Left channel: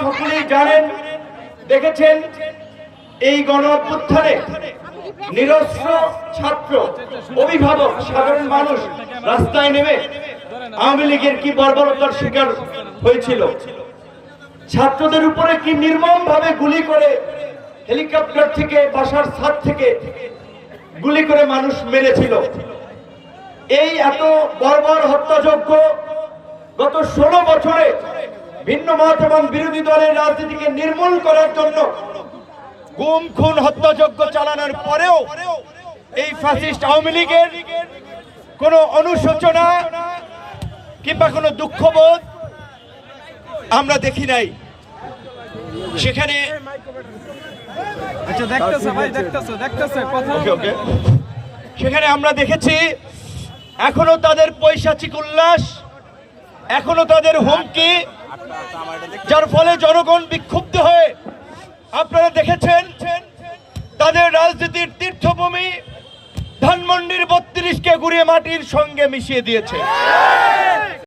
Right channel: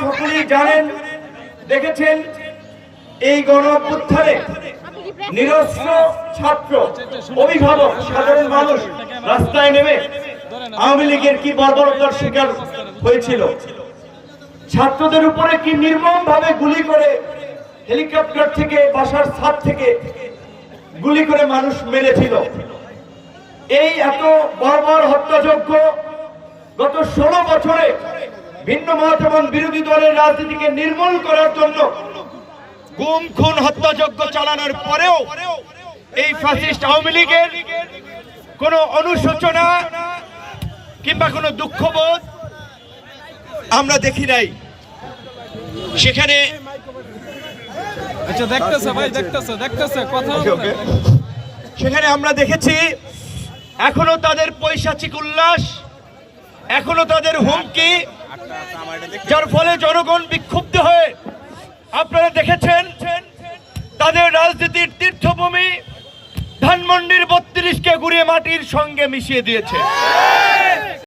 সকলেই জানেন, দেখেছেন এই গণ অভ্যুত্থানে নিরস্ত্র ছাত্র, অভিভাবক, সাধারণ মানুষ রাস্তায় নেমে আওয়ামী লীগের কি বর্বরতার শিকার হয়েছিল। ছাত্রদের উপরে কি নির্মমভাবে গুলি করে, হেলিকপ্টার থেকে, বাসার ছাদ থেকে গুলি করে মানুষ মেরেছিল। এই এত বর্বর হত্যাযজ্ঞ গত 16 বছরে ভিন্ন মত এবং বিরোধী দলের রাজনীতিকে নির্মূল করার জন্য গুম খুন হত্যাযজ্ঞ চালানোর পরেও এই ফ্যাসিস্ট আওয়ামী লীগের কোনো অনুশোচনা কিংবা কোনো দুঃখবোধ আমরা দেখি নাই। সেখানে সেখানে আমরা দেখেছি এখনো তাদের পৈশাচিক উল্লাস, এখনো তাদের হুমকি, যার ফলে জনগণ বিক্ষুব্ধ হয়ে, আপনারা দেখেছেন তাদের রাজনীতির তীর্থভূমি ধানমন্ডির 32কে গুড়িয়ে মাটির সঙ্গে মিশিয়ে দিয়েছে।